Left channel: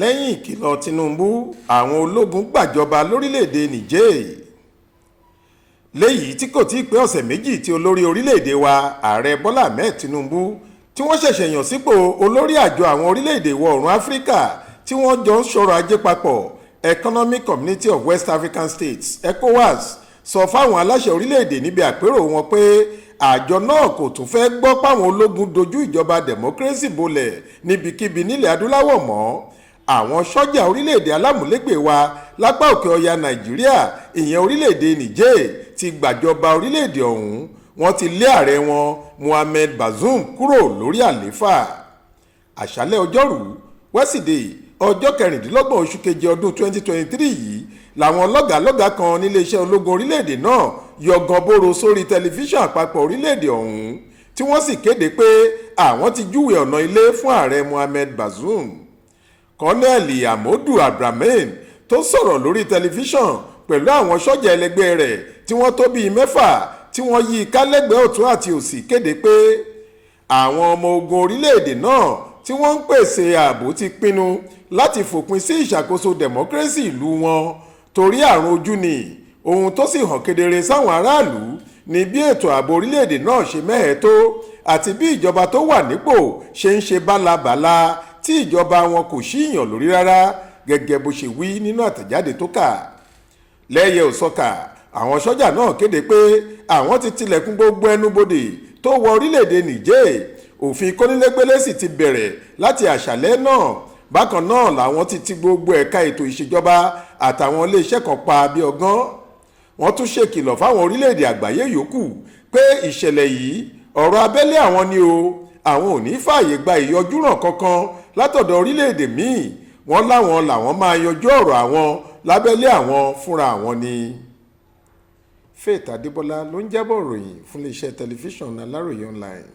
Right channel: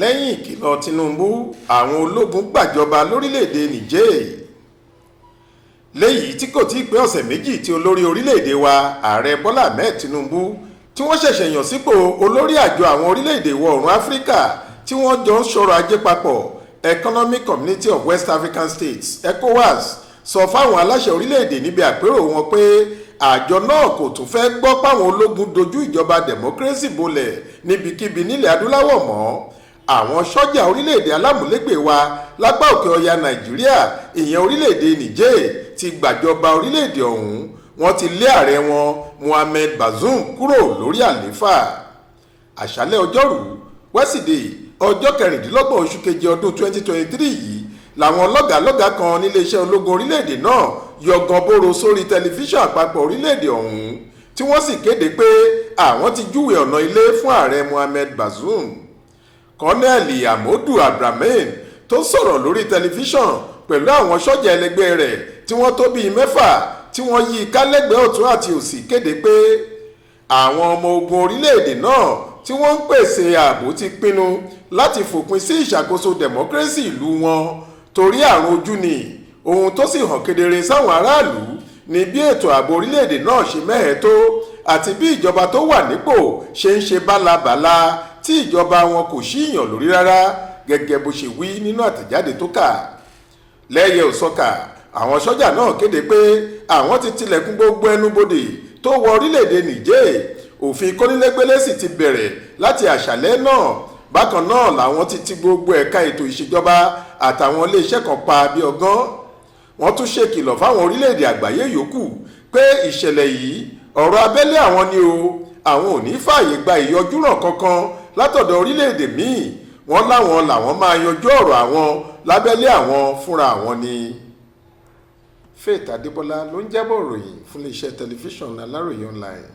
lẹ́yìn ìkìlọ̀ Tinubu àwọn ológun gbàjọba lórílẹ̀‐èdè Niger léyìí tí kò tí ì pé ọ̀sẹ̀ méjì tí olórí orílẹ̀‐èdè wa ààrẹ Bọ́lá Ahmed Tinubu tí wọ́n ṣẹ̀ṣẹ̀ yàn sípò olórí àjọ àwọn orílẹ̀‐èdè ìwọ̀ oòrùn Áfíríkà tí wọ́n jọ ń ṣọ̀rọ̀ ajé papọ̀ Economic Community of West African States ECOWAS sọ fáwọn aláṣẹ orílẹ̀‐èdè níbi àpérò wọn pé àjọ náà kò tún fẹ́ gbọ́ páwọn ológun dojú ìjọba democracy bolẹ̀ níbikíbi nílẹ̀ adúláwọ̀ mọ́. Àwọn sọ́jà orílẹ̀-èdè alámúlégbè wa lápá òkè ọya Nàìjíríà ìyẹn orílẹ̀-èdè Niger ti gbàjọba orílẹ̀-èdè ọ̀hún wọ́n ti lé ààrẹ wọn Mohamed Bazoum kúrò lórí àlééfà. Àṣálẹ́ ọjọ́rú wẹ́sídẹ̀ẹ́ ọjọ́ 26 oṣù keje ọdún 2023 yìí làwọn lọ́gàálọ́gàá kan níléeṣẹ́ ológun orílẹ̀-èdè náà yọgàn bóró sórí tẹlifíṣàn àpapọ̀ orílẹ̀-èdè ọ̀hún tí wọ́n sì kéde pé àwọn ti júwe ọ̀nà ilé fún ààrẹ Mohamed Bazoum. Kọ́nẹ́ẹ̀lì Amodu Abdrahman tó sọ̀rọ̀ lórí tẹlifíṣàn pẹ̀lú àwọn sọ́jà ẹlẹgbẹ́ rẹ̀ tí wọ́n tó bíi 6 tí wọ́n yí kálẹ́gbẹ̀ẹ́ ọ̀tún àti òsì kéde pé àwọn ọmọ ogun orílẹ̀-èdè náà tí wọ́n ń pèsè ààbò ti pinnu láti fòpin sí ìṣàkóso democracy ìlú wọn torí àrùn ojú ni ohun tó sì hàn kedere sáwọn aráàlú ní bí ètò ààbò orílẹ̀-èdè náà ṣe mẹ́hẹ̀ tó àti bí ìjọba tó wà nípò ṣe ń ṣe bálabàla tí ìjọba wọn kò ṣíyàn lórí rárá gẹ́gẹ́ bó ṣe wí nínú àtẹ̀jáde tó kà. Lẹ́yẹ òsọkà àwọn sọ́jà náà kéde pé àwọn ti tilẹ̀kùn gbogbo ẹnubodè tó wọ orílẹ̀-èdè Niger òfin kónílégbélé sì ti bẹ̀rẹ̀ láti àṣálẹ́ náà. Bákan náà làwọn ti ti gbogbo ẹ̀ka ètò ìṣèjọba àtàwọn iléeṣẹ́ kan pa bí ọgán. Wọ́n tún ṣèkìlọ̀ fáwọn orílẹ̀-èdè àgbáyé yòókù pé ìṣẹ̀lẹ̀ yìí ọ̀rọ̀ abẹ́lé àwọn ni o àwọn ò ní fààyè gba ìyọjúràn kankan látọ̀dọ̀ orílẹ̀-èdè míì wọ́n láwọn làwọn máa yanjú ọ̀rọ̀ àwọn lábẹ́lé àwọn fúnra àwọn ni. Faith Adébọ́lá ló ń jábọ̀ ròyìn fún iléeṣẹ́ tẹlifíṣàn Aláròyé online.